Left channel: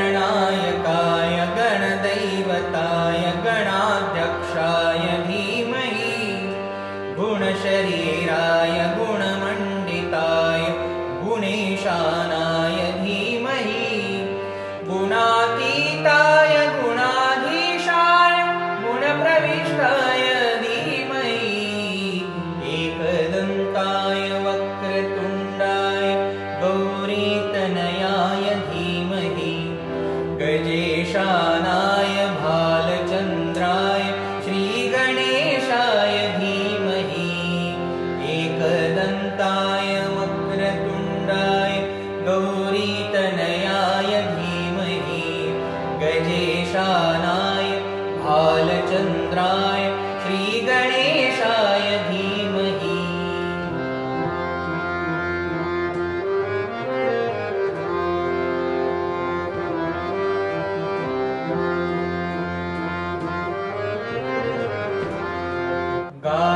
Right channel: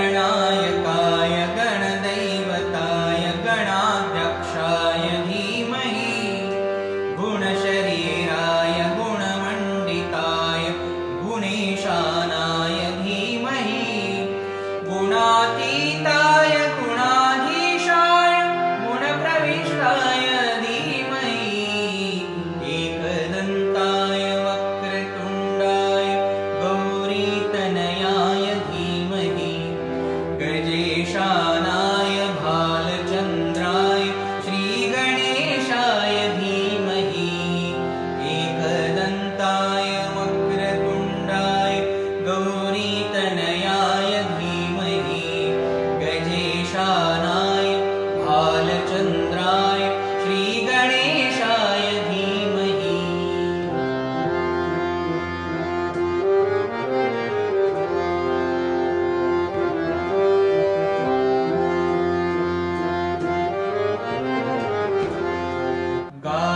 गणनायकाय गणदैवताय गणाध्यक्षाय धीमहि गुणशरीराय गुणमण्डिताय गुणेशानाय धीमहि गुणातीताय गुणाधीशाय गुणप्रविष्टाय धीमहि एकदन्ताय वक्रतुण्डाय गौरीतनयाय धीमहि गजेशानाय भालचन्द्राय श्रीगणेशाय धीमहि एकदन्ताय वक्रतुण्डाय गौरीतनयाय धीमहि गजेशानाय भालचन्द्राय श्रीगणेशाय धीमहि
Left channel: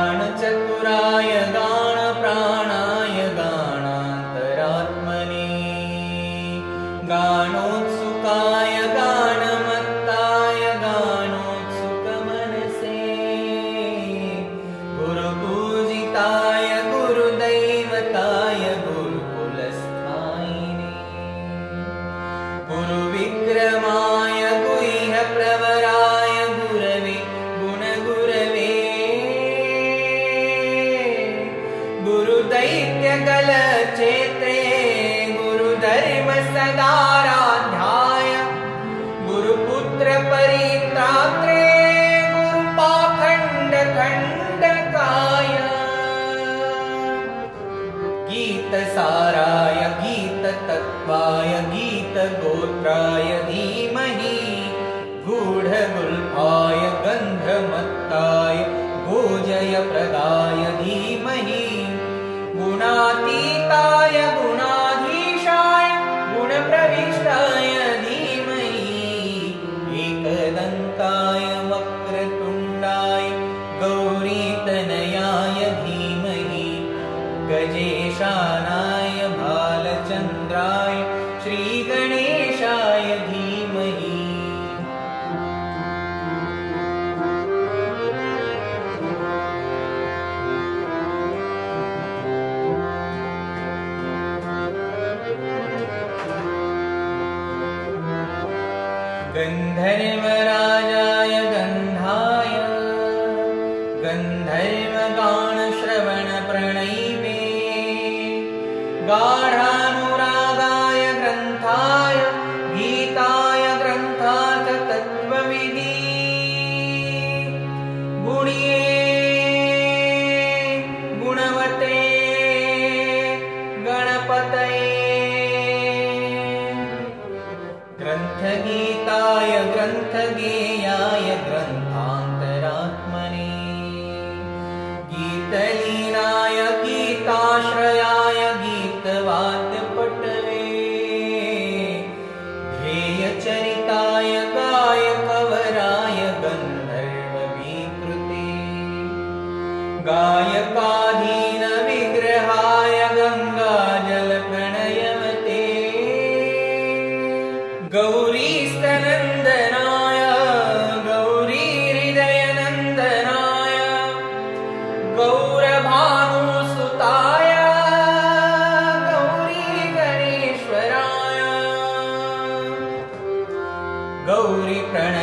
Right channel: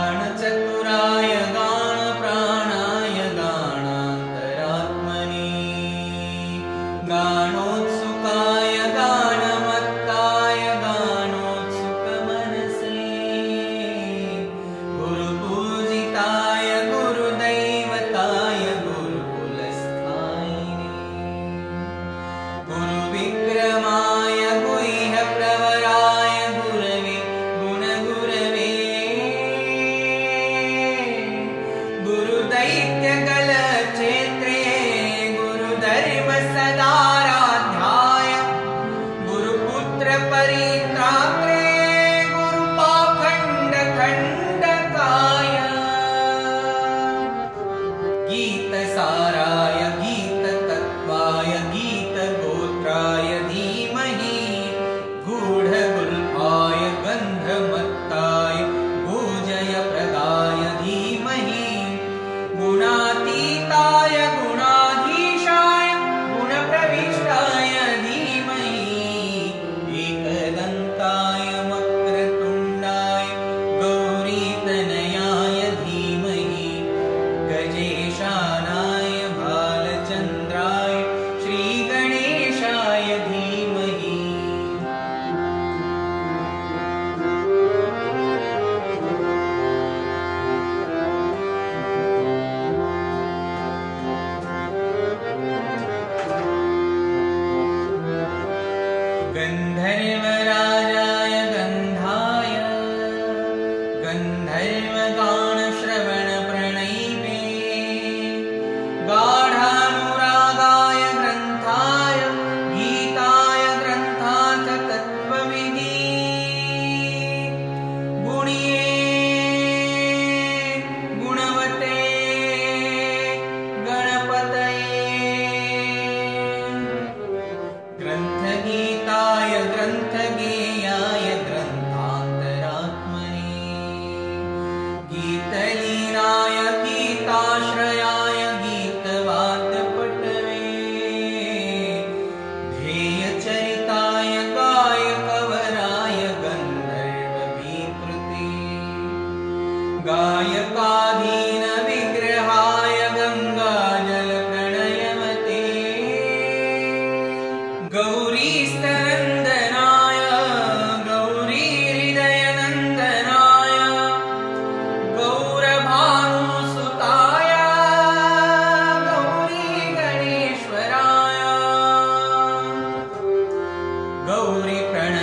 गानचतुराय गानप्राणाय गानान्तरात्मने गानोत्सुकाय गानमत्ताय गानोत्सुकमनसे गुरुपूजिताय गुरुदैवताय गुरुकुलस्थायिने गुरुविक्रमाय गुह्यप्रवराय गुरवे गुणगुरवे गुरुदैत्यकलक्षेत्रे गुरुधर्मसदाराध्याय गुरुपुत्रपरित्रात्रे गुरुपाखण्डखण्डकाय गीतसाराय गीततत्त्वाय गीतगोत्राय धीमहि गूढगुल्फाय गन्धमत्ताय गोजयप्रदाय धीमहि गुणातीताय गुणाधीशाय गुणप्रविष्टाय धीमहि एकदन्ताय वक्रतुण्डाय गौरीतनयाय धीमहि गजेशानाय भालचन्द्राय श्रीगणेशाय धीमहि गन्धर्वराजाय गन्धाय गन्धर्वगानश्रवणप्रणयिने गाढानुरागाय ग्रन्थाय गीताय ग्रन्थाथ तत्त्वविधि गुणिये गुणवते गणपतये ग्रन्थगीताय ग्रन्थगेयाय ग्रन्थान्तरात्मने गीतलीलाय गीताश्रयाय गीतवाद्यपटवे ध्येयचरिताय गायकवराय गन्धर्वविकृते गायकाधीनविग्रहाय गङ्गाजलप्रणयवते गौरीस्तनन्दनाय गौरीहृदयनन्दनाय गौरभानुसुताय गौरीगणेश्वराय गौरीप्रणय